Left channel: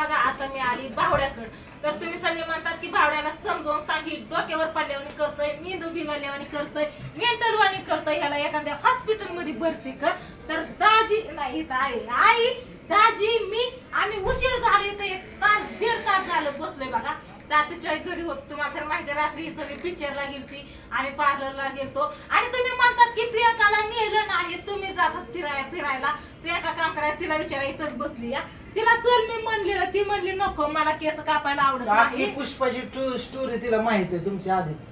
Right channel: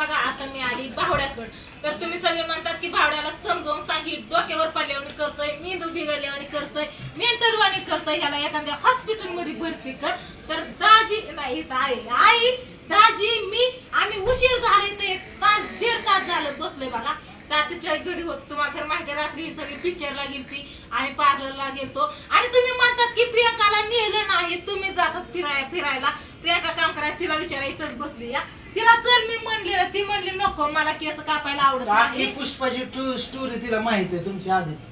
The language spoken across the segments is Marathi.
बघा आता मी आली भावड्याकडं. तर तुम्ही सगळे म्हणतात की भावड्याला समजावून सांगी डोक्यावर पडल्यावानी करतोय मेंदू बिघडल्यावानी करतोय मेंटलवाणी करतोय ह्याला एखाद्या हॉस्पिटलमध्ये भरती कर. तर दाजी नाही इथं आहे. आई दाजी मी आम्ही उशीर झाले तर एक तास दीड तास झालं बसलोय बघा. रात्रीच्या घरी होत तुम्हाला तर माहिती रात्री ही सगळी पिक्चरला गेलती आम्ही पार्लरला गेलतो. आणि तुम्ही म्हणतात की प्रियंकाला नेलं ना जातात फिराय फिरायला. प्रियंका काम करायला तिला विचारा इथंच बसली या. तिला चल मी म्हणली ना ती म्हणली नको मला केस कापायला आवडत आखी नाही. पुष्पाची ट्रू स्टोरी तिला माहीत आहे तुमच्या आधीच.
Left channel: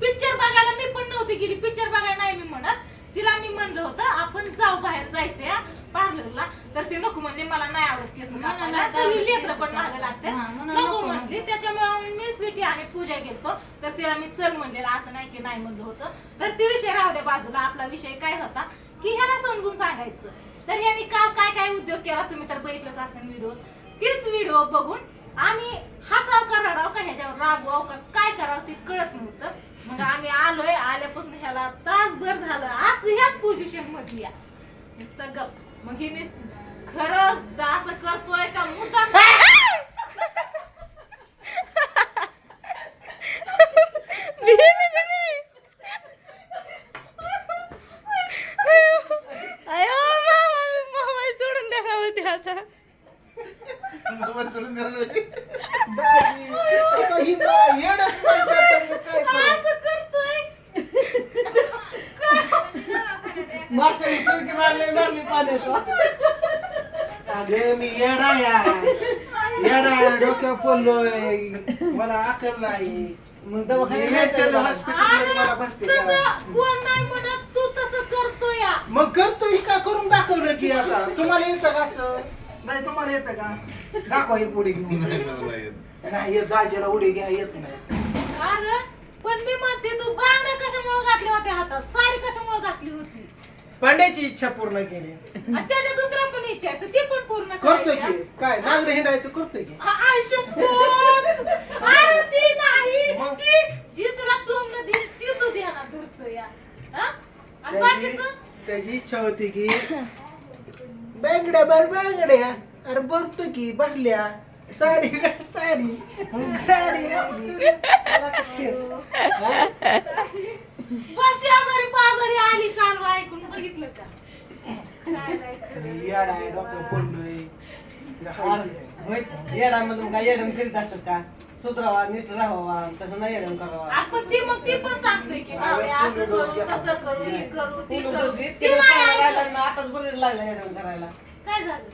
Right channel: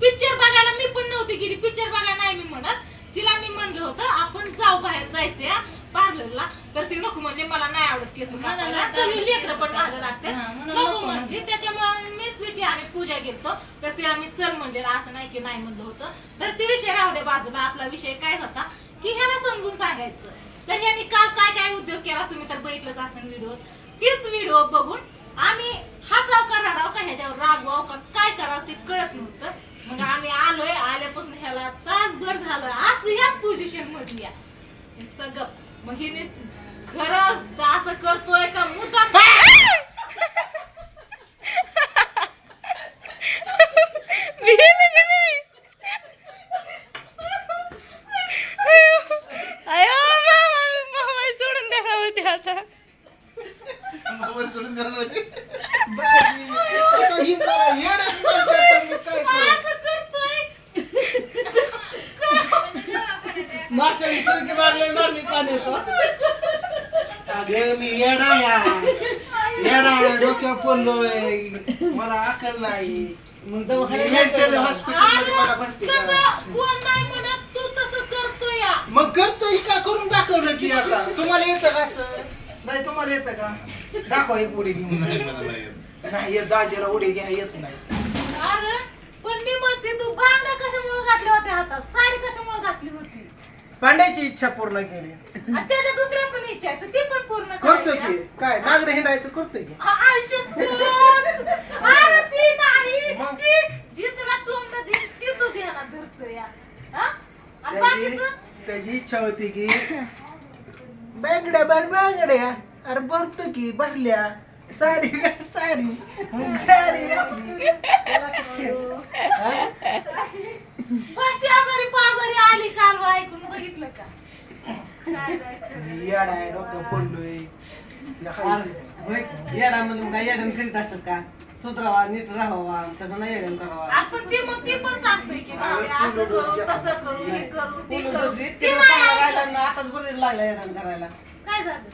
पिक्चर बघायला मी पण नव्हती गेली. पिक्चर बघायला नाही मी म्हणत. तिला मी म्हणलं होतं आपण जाऊ बाहेर जायचंय पार्लरला तर ती नको म्हणली मला नाही आवडत केस कापायला. सगळी लेकरं पण मागं लागते. हा, म्हणून नको नको म्हणली. त्याच्यामुळे मी स्वीटी आणि पूजा गेलतो तर तिला मी चल म्हणलेलं असं नाही की नाही म्हणलं होतं. तर ते विषय राहू दे बाजूला. आपला विषय काय होता की ह्याला समजून सांगायचं. तर यांनी काल काय काय उद्योग केला तुम्ही तर बघितलंच असेल व्हिडिओ. तीच व्हिडिओ बघून आम्ही हसाव का रडाव का ह्याच्यावर रागवाव का काय करावं ते कळत नव्हतं. मग आम्ही आलोय. आल्यापासून ह्याला तासभर झालं. आज ह्याच पोझिशन मधली. नुसतं गप मग नुस- खरं असं करतोय का मुद्दा अयो मामा मामा सोडून द्या होती आता बाई, आता ही मला येडच म्हणते, आता मी काय करू? असं करतोय अगे मी येडा या येडा डोक्यावर पडलोय. मला अकल नाही. मेंटल हॉस्पिटल मला भरती करा. तसं कोण नाही म्हणत तू तसं करतोय या. मग करतो ही का करून दाखवलं की आता? तुम्हाला येतं का असं? नाही तुम्हाला येतं का? दाखवा एक उडी घेऊन. नाही येत दाजीला उडी घ्या येत नाही. अरे पण मी म्हणते तू बांगड्या कशामुळे घातल्या होत्या हातात? साडी कशामुळे घातली होती? पांड्याची इच्छा पूर्ण केली आणि त्याच्या दुसऱ्या पण इच्छा आहे तर ती पण पूर्ण करतोय करायची, की काय नागडे हिंडायचं करतोय की हा. आ- आयुष्यभर. अरे ती नाही मग? ती जी तुला टोमणं देईल ती तू ध्यानात धरतोय या हा? आणि त्याची बाकीचं त्याची इच्छा होती की बांगड्या बर बांगड्या अरे भरतो की भरल्या साडी साडी मग साडी घातली. त्याला काय? हा? आजारी ऐकून बघितलं का काय येडा आहे. येडा म्हणून येडण करीत असतात का सुधरावा नीट राहावा तसं नाही येडण करावा आपण ती मग ती पण सांगतोय की बाबा असं करू तसं करू हे करू ते पूर्ण करू ती तिला नाही चांगला ऐकत. राहिला ना आताच बरेच लागला येडण करायला काय झालं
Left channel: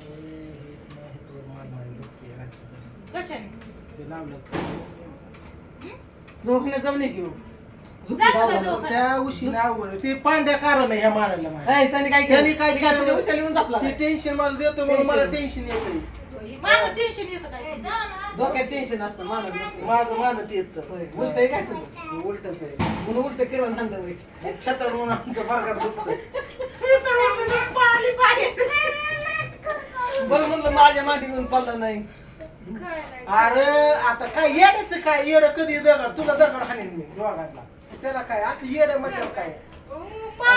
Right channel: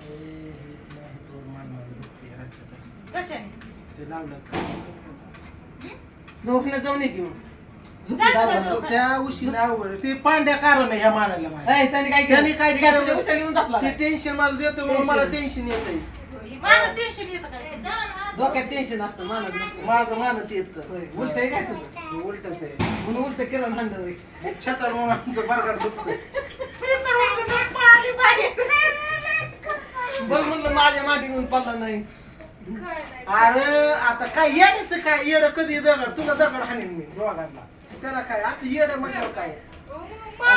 हे कशाने ते लावलं रोखणे जाऊ नये घेऊ जास्त असं त्या उशीने अवघड ते पांड्या कारण ह्या मारायला माझ्या. त्यांनी काय त्यांनी काय केलं? उशा लिहून जपला ते टेन्शन मला देतो म्हणून मला. टेन्शन येत मला टेन्शन येतं काय? डोक्यात टेन्शन असतं मानत नसतं. माझं मानत येत उलट काय तुझं? उलटच आहे. म्हणून उलट किरण हांड होय. छत्र म्हणून आमचं बरगाड मी उठूनच पळाली बोल म्हणलं माझ्या माटी घेऊन पडला नाही. काय नाही. अरे आता काय येड्याच काय येड कधी दगड? तुला दगड हाणीन मी दोघांना. त्याला काय आता येड म्हटलं काय?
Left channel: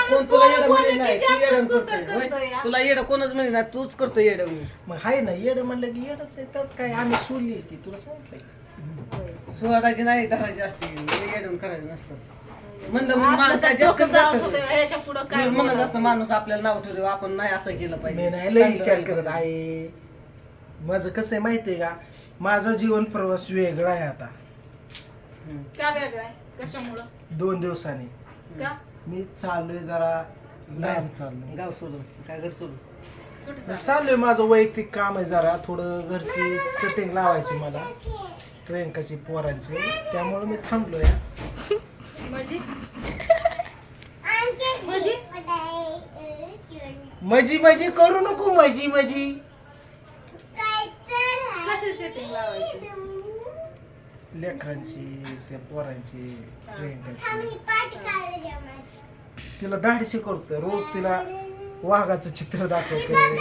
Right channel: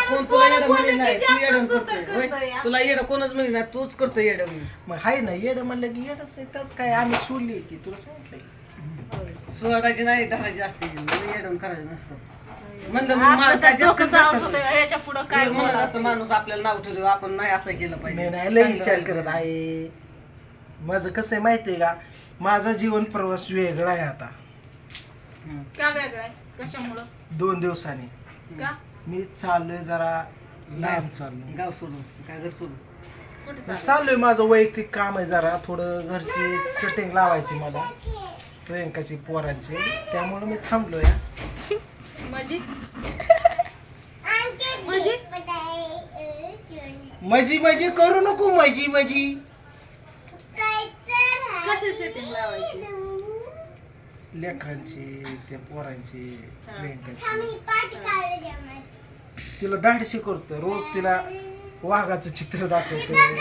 कोण तुला येडं म्हणे नाही तू करतोय. होय? तुला येडं कोणच म्हणे ना तूच करतो येडं मग हाय ना येड म्हणलं की येडच आहे त्यात काय आम्ही सोडली की तुला सांगितलंय सोडायची नाही धरायची असते येडून करायचं नसतं. म्हणलं म्हणून आपलं माणूस तर काय जास्त डोकं जाऊन जास्त होतं, ह्याच्या पुढं काय म्हणत बोलावं? असतं माणूस आपल्याला नाव ठेवलं आपण नाही असं केलं मी पाहिजे नाही लय विचार करत. आहे. माझं कसं आहे माहितीये का? माझा जीवन प्रवास वेगळा आहे आता. हम्म. का वेगळं आहे? कशामुळं? दोन दिवसांनी. का? मी चाललोय जरा लांब चाललोय. गाव सोडून काय घर सोडून. कुठे चाललोय? माझं वैयक्तिक काम आहे जरा थोडं घरची सेटिंग लावायची मला प्रियंकाची पोरांची. त्यामुळे मी थांबलोय. म्हणजे म्हणजे मजी मजी करू नको मजी मजी. कशी सेटिंग लावायची? लेकरांची त्या पोरांची प्रियंकाची तिला धाडशी करतोय रोज तिला वाघाचं चित्र दाखवतोय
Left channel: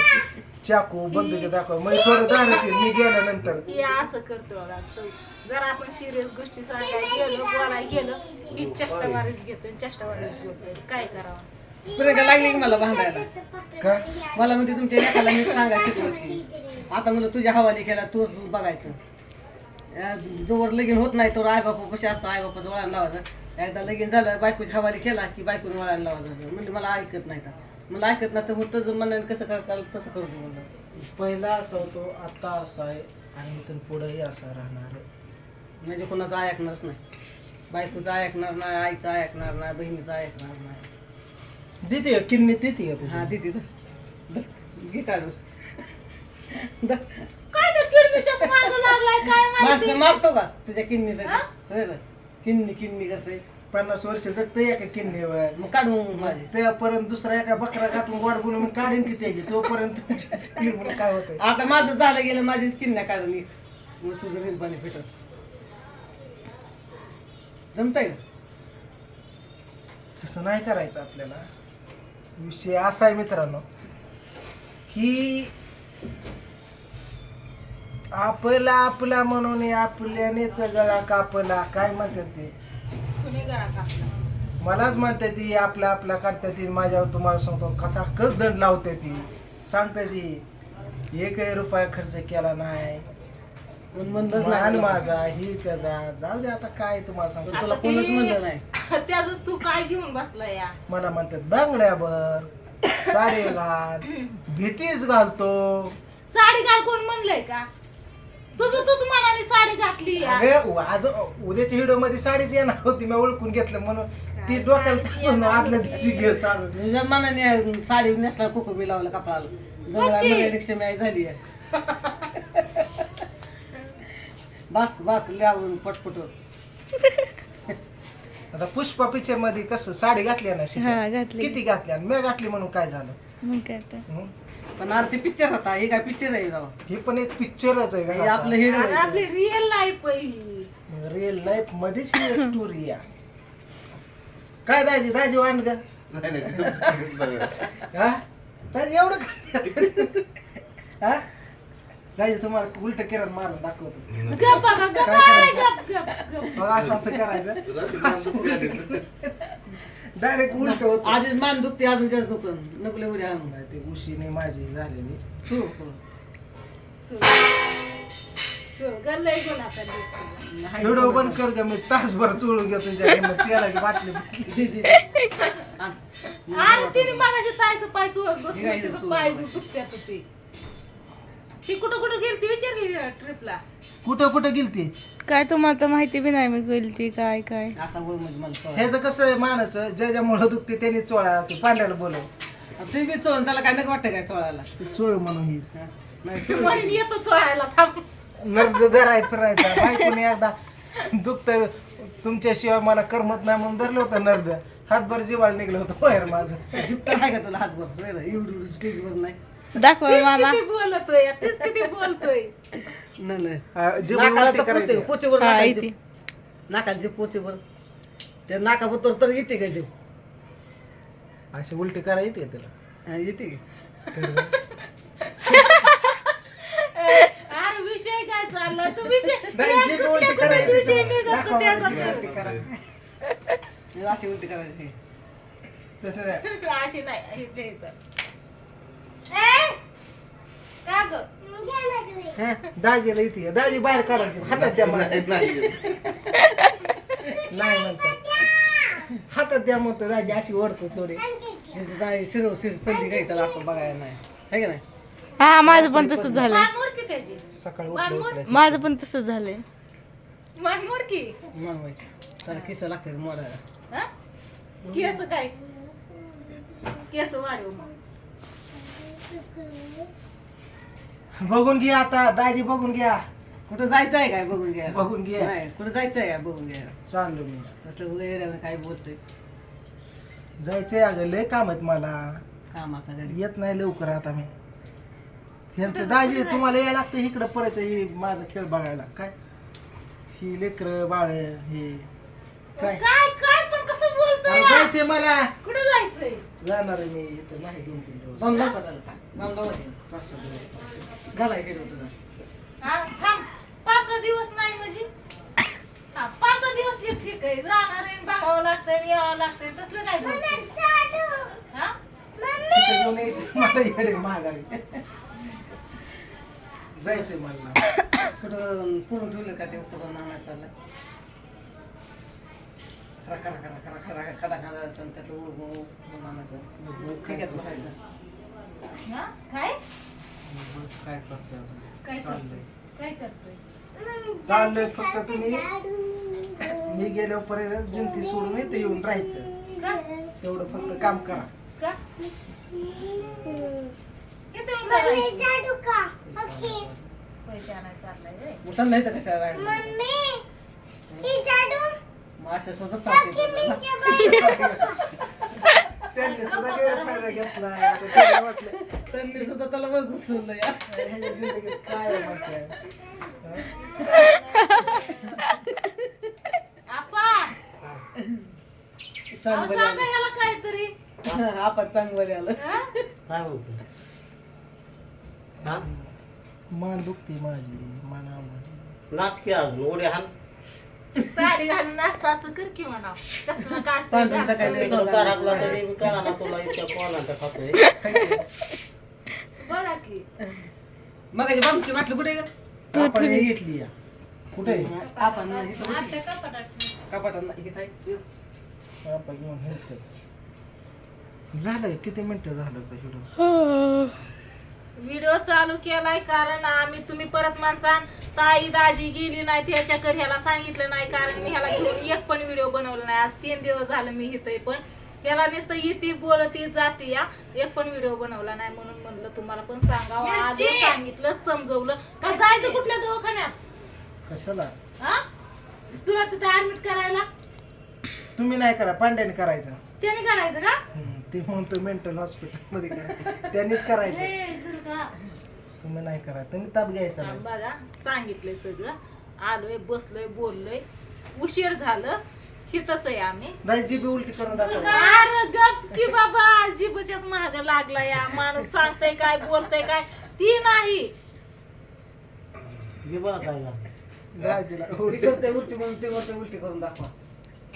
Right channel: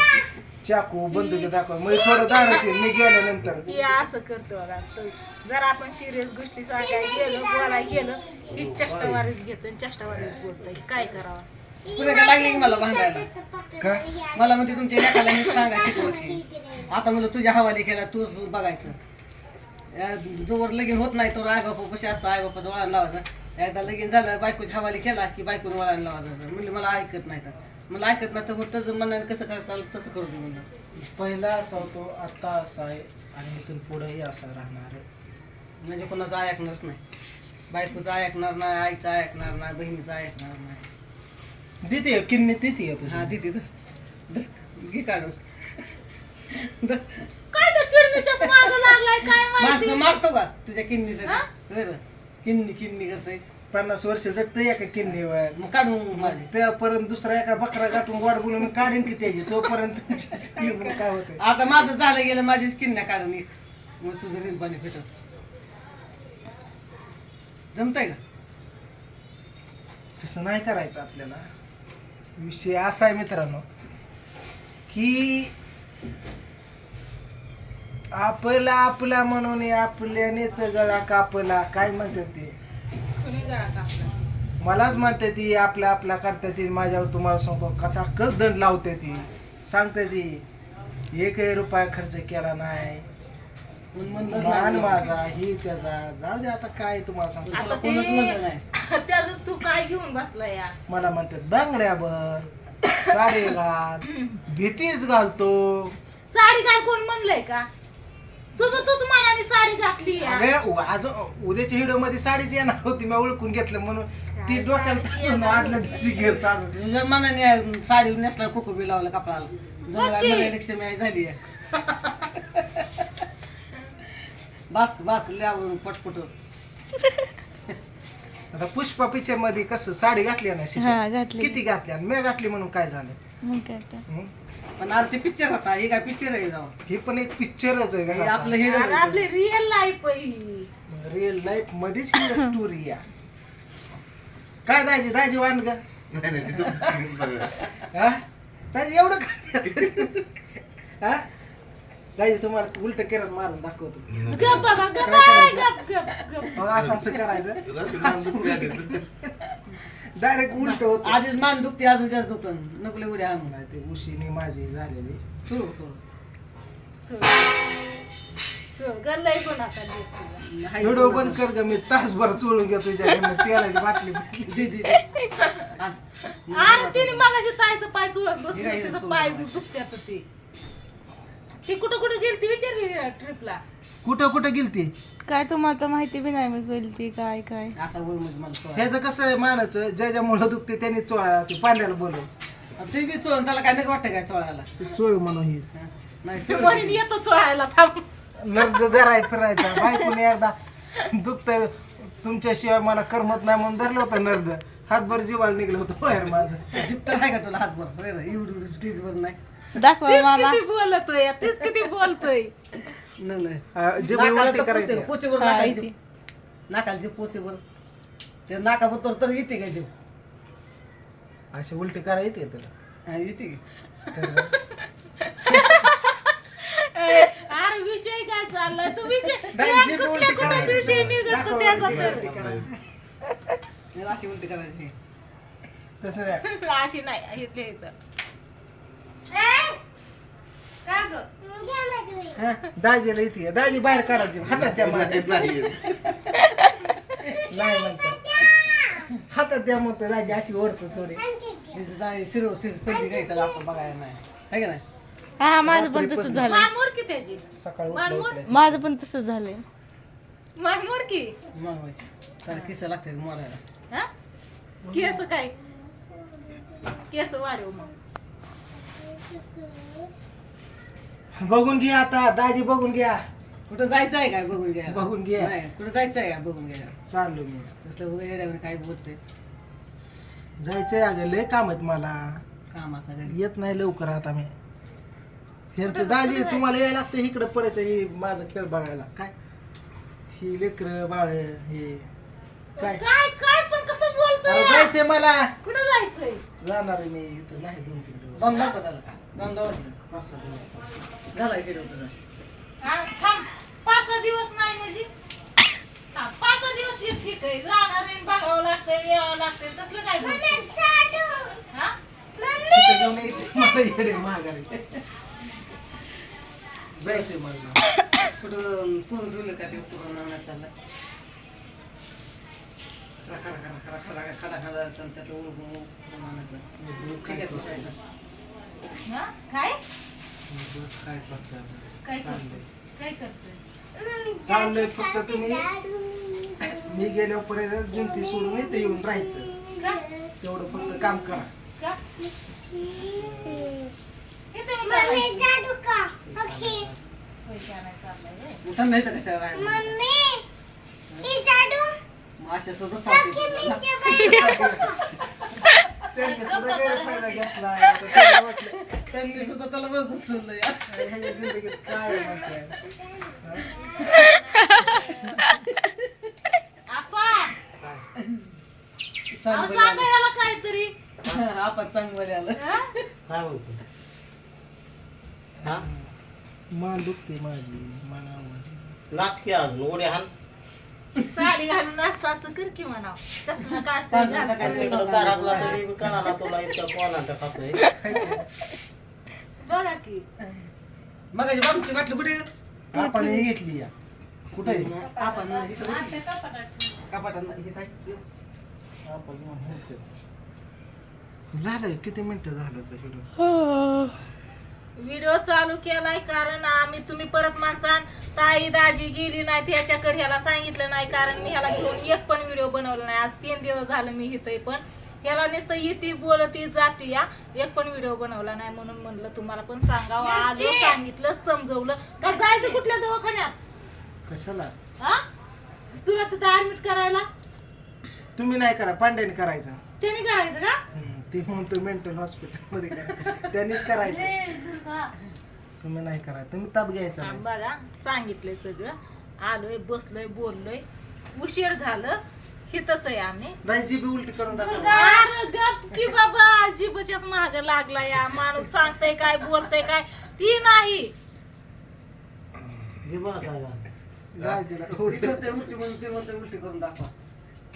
चाकू बंदुकी दाखव मग थोडं धाडस येईल मी गेल्यानंतर. हे असं करतो बघा. तर जर आपण सिरियस गोष्टी सांगायला गेलो बोलायला गेलो ही चष्टावारीच घेतो चष्टावारीच बोलतोय काय करावं? काय लागली की मला भांडायला? का? मला म्हणते तुमच्या लेखाला मी सांगा शिकवत आता म्हणलं तुझ्या हवाली केला तूच बघायचं. जोवर लगीन होत नाही तर आई बापू कसे असतं आई बापाचं वळण लावायचं. एकदा लगीन झालं बायकोच्या हवाली केला की बायकोनं वळण लावायचं. म्हणजे मला ऐकत नाही तर. मला ऐकत नाही तर होतं जर मनाने कसं करता आलं तसं करू दे म्हणलं. पहिला असा होतो आता असा आहे आणि इथून पुढेही असा राहणार. म्हणजे कोणाचं ऐकणारच नाही. बायकोचं ऐकणार नाही आईचं ऐकणार नाही बहिणीचं ऐकणार नाही. देते किन्नी देते हा दिदी तर घे काढून. द- काय तर किडनीच्याच माग लागलाय काय माहिती? माणसं मारतो का तुझ्या किन्नीसाठी होय का? किन्नी किन्नी करतोय पन्नास वर्ष जगतं एका किन्नीवर मग काढून माझी. त्यापर्यंत दुसरा एका बकरा गाठून गोड बोलून मी काढीन की त्याची. तोपर्यंत काय होतंय? आता माझं झालं गेलं माझीच किन्या काढून ये. मग तुझं पाणी फिटत जमतंय का? तसं नाही करायचं आपल्याला. विषय असा आहे मित्रांनो की आपला आपला म्हणून आपल्यानेच गळा कापला. काय म्हणतात ते? कुणी गळा कापला? मलाच म्हणते ती आपला आपला करते ती. माझ्यावर तुम्हाला सांगतो कसा कस दंड लावते ती. सांगते ती एकही रुपया खर्च केला नाही. म्हणलंच माझा ही त्याचा. जाऊ दे आता काय तुम्हाला सांगतो. तुला आता कोणच म्हणलं ते नाही. त्याच तू काय घेऊन बसला या? मला म्हणतात बांगड्यावर साडी घाल भीतीच घालतो. साडी घाल कोण म्हणलंय का? तुझं तुझ मनाने साडी घातली. अगे आज उद्याच्या व्हिडिओमध्ये साडीच येणार होती मी ओळखून घेतलं म्हणून. ती डोक्याला आदल्या दिवशी घे साडी तुझ्या मनाने साडी नेसला कुकू बी लावला कपडाला जवळ नक्की. लक्ष्मी झाली आहे. बस बस लावून पटपट. आता पुष्पा पिक्चरमध्ये कसं साडी घातली ना हा? घातली. किती घातली आणि मी घातली म्हणून काय झालं? मग काय तर हं? पण अरे ते पिक्चर होता हे काय पिक्चर आहे हे पण एक पिक्चरच आहे हे आपलं का अरे आपली रिअल लाईफ ही. रिअल लाईफ मध्येच ही स्टोरी या काय दाजी दाजी वाण ग हा? दाजी एवढं काय? हा? दाजी तुम्हाला उलट किरण मारून दाखवतो. गप बाबा गप काय करायचं? गप गप गप मग असं असं करायचं. डायरेक्ट उलट होत. आधीच मान दुखते अजून जास्त दुखन नकले उद्या आणून नाही ते उशीने माझी झालेली. सुरू करू. हाय व्हिडिओ बंद कर ग मी तासभर चोळून घेतो तुझ्याकडनं तेलाची बाटली. आण. तिने मगाशी पाय चोळत बसली तिचं पाय? दुखत्यात ते. ती कुठं कुठं गेली ती विचार घे ट्रिपला कुठं कुठं गेलती? काय तुम्हाला तर माहिती बी नाही मी गेली ती काय काय. असा गोळ म्हणजे मला कळलं. ह्याचं कसं आहे मानाचं ज्या ज्या मुलं दुखते त्यांनी चोळा ते पांड्याला बोलव. आता ते बी चोळून त्याला काय नको वाटतं काय चोळायला? ते चोळ म्हणून ही? नाही ती चोळून. म्हणून येतो चोळायला थांब. नर्द धराय फिरायचा बायकोने एकदा दुखत तुमच्याशिवाय मला करमत नाही म्हणून धरलं होतं नर्द. हातभर जीवाळ निघलं होतं बाहेर माझं. नाही का तुला हातभर? एवढी स्टेजवर नाही. दाखवा मामा. किती बोलतोय तीच किती बोलतोय. नाकाला उलटी तर पोचते, करायची. हा, नाकाला इथे. जीभ. नाकाला जीभ पोचेवर. ते नाकाबरोबर तर येते का जीव? अशी उलटी करायची हा, येते की. अरे विषय काय चाललाय? तू विषय नाही, उलटी करायची विषय तुला. निघत दाखवा त्याचा. उलटी करा. अशी उलटी करायची. तसं नाही. अशी नाही इथं दाजीला येते दाजी बाहेर काढायची हातात द्या मला. नाही म्हणतात. हातात द्या म्हणतो. दाजी अशी ओढतो थोडी. शिरव शिर चलती काही त्याला असं बघायला नाही. है का नाही? हा माझं पण तसंच त्याची. सकाळी उठल्या. माझं पण तसंच झालंय. मान मोड की मग बाई, त्याला किस्सा लागते मोडायला. हा? केस काय? केस वाढव मग. बघून घ्या आता दाजी बघून घ्या. कुठं जायचं आहे काय बघून घ्या? बघून घ्या. नाही कुठं जायचं आहे बघून घ्या. चाललो मी तसलं वगैरे काय बोलतोय? जायचंय अगं लय काम आहेत मला. कामाचा घरी. येत नाही लवकर आता मी. ह्यांचं दाजी तुम्हाला यायला लागतं इकडं परत हे माझा खेळ बघायला. काय? ही लेकर बाळ हे. काय? काय काय पण कसं अरे जायचंय मला. कुठं जायचंय? जाणार आहे मी इथं. नाही दोन तीन दिवस. बंद नको त्याला बंद नको. पाच सहा दिवस झाला गेलो तुझा हा, थांब. पाच सहा दिवस नाही म्हणजे? हा पाच सहा दिवस हे ठीक आहे. जाणार आहे बघावं लागतंय यावं लागतंय. तसलं काय बोलतोय? हा? तिथं घेऊन यायचं. मला येडे महागारी जायचंय मला. कुठं पुरून ठेवलं का ते पुरून आणायला चाललं? त्यातलं आणायचं काय ठीक आहे हा? काय? काय करतोय काय आता चाललंय. काय करतोय? चाललंय फक्त तुम्ही मी गेल्यावर परत जिंती सोडून इथं येऊन राहायचं. का? तेवढं फक्त काम करा. का? चाललाय तर मग अशा सुद्धा चालते त्यांनी सुद्धा गैरफायदा घेतला आता त्यांना वाटलं, त्यांनी सुद्धा त्याला बघ घुसवलं या ह्याच्या जिंदगीत काय आपा चांगलं काहीतरी. आलं आपण चांगलं आलं हा? काय म्हणते हा? मान दुखते माझी मना नाच की अजून उड्या हान. साडी घालून असं असं कर की म्हणा चष्मा काढतोय घालतोय. काढाकला तरी तुला इतका बघा की मग बामची वाटलं कुठे? आपण हे घेतली या कुठे आपण. कपाटात नाही, हे काय? आपण घेऊन येतो. झालंय किती मिनिटं झालं व्हिडिओ चालू केलाय कारण आम्ही तुम्ही परत माणसान ताई दाजी गेली नाही त्याच्याकडे ह्याला सांगितलं नाही कारण मी ह्याला घेऊन एक पण व्हिडिओ बनवला नाही. आज तीन दिवस झालं मी इथं पण. ह्याला नुसतं येते बोलती जाती या एक पण व्हिडिओ बनवला नाही म्हणून म्हणलं तुम्हाला पण सांगावं. आलो सांगितलं समजवलं. का जायचं कुठल्या दवाखान्यात? कशाला? हा? तुला तिथं ऍडमिट करायला? तुम्ही नाही करा पांड्याने करायचं. त्याने करायचं का? ते म्हणतो मेंटल हॉस्पिटलमध्ये करा. त्यांनीच करायचं. तुम्ही नाही करा तुम्ही ताप घ्यायचा नाही. बघा. सांगितलंय सगळं. आलोय बसलोय बोललोय. उशीर झालं. आहे आम्ही. नाही जीबी उलटी करून दाखवा. अरे गप की बाबा जीबच्याच महाग लागला या. माणूस सांगतय काय बोलतय काय. ती नाही. काय झालं तिला ती ती उलटी करून दाखवा.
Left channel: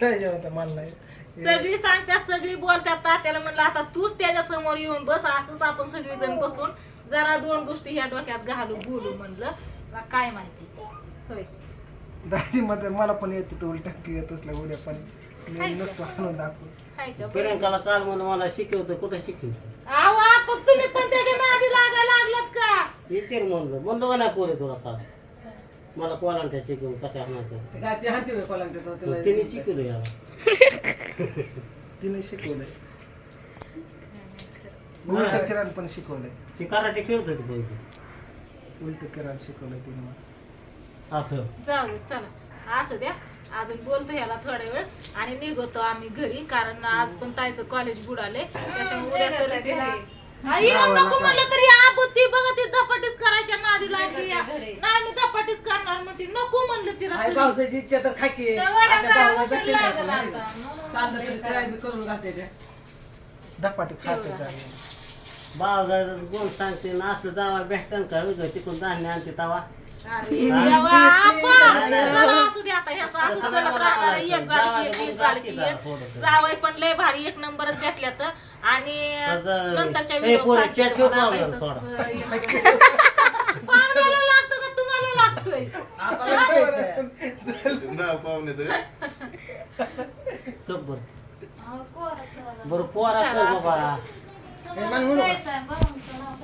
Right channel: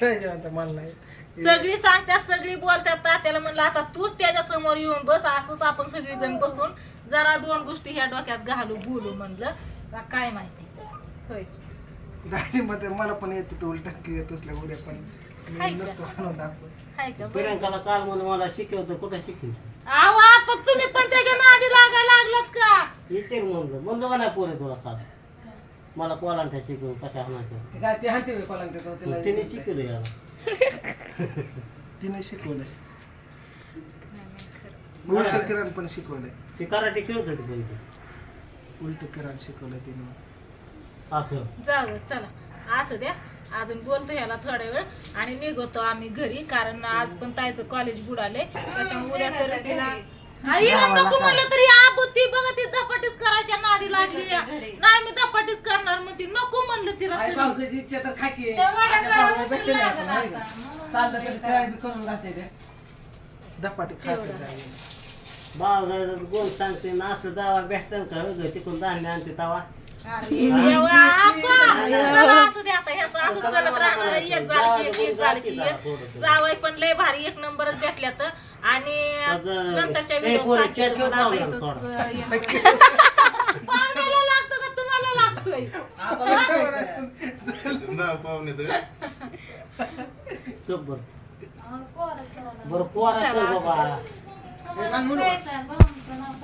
काय जेवण मला नाही. सगळी सांगतात सगळी बोलतात तात्याला म्हणलं आता तूच त्याच्यासमोर येऊन बस असंच आपण सगळी जण बसून जरा दोन गोष्टी ह्या डोक्यात घालू बोलू म्हणलं. काय माहिती. होय. दाजी मध्ये मला पण येते तो उलटा की येत असल्या उद्या पण. मी? नसतो आणून दाखव? प्रियंकाला काल म्हणून मला शिकवतं कुठं शिकवतं? आहो, आपण तुम्ही पण त्याच्या नादी लागायला लागलात का? विचार म्हणलं म्हणलो का नाही पोरे तुला काल मला कोणाला शिकवून कशा हाणायचं ते काय ते तिला तिने शिकवलं याला. तिने शिकवलंय. उलट किरण पण शिकवलंय. ती कराटे खेळत होती पोरी उलट किरण शिकवलंय तिने मला. असं. जाऊ चला. असू द्या. अजून बोलतो ह्याला थोडा वेळ. आणि निघतो आम्ही घरी कारण आज पण ताईचं कॉलेज बुडाले त्याच्यामुळे उद्या तर तिला हिला नको म्हणलं तरी आबू ती बघा ती धपाटीच करायच्या नादी लागली या. नाही मी धपाटीच करणार म्हणते. नको म्हणलं तिला आई तरी. पावसाची इच्छा तर खाकी आहे. अशा पावसाला भेटते नाही आपण, नाही का? चाललं तरी काय बी करून घालते ते. धपाटी भाव जायचं गोल सांगते ना असं जावा भेटतं का? उगं तिकडून धान्य आणते तवा. अरे असू आता ह्याचं असं चलत राहणार आहे. एक झालं की एक, एक झालं की एक जावई पण लय भारी एक नंबरच भेटल्यात. आणि त्याचं- नंतरच्या व्हिडिओ पाहुण्याला पाहुण्याला लागतो का? तुम्हाला लागतोय. चप बर. पोरा चला, बाबा?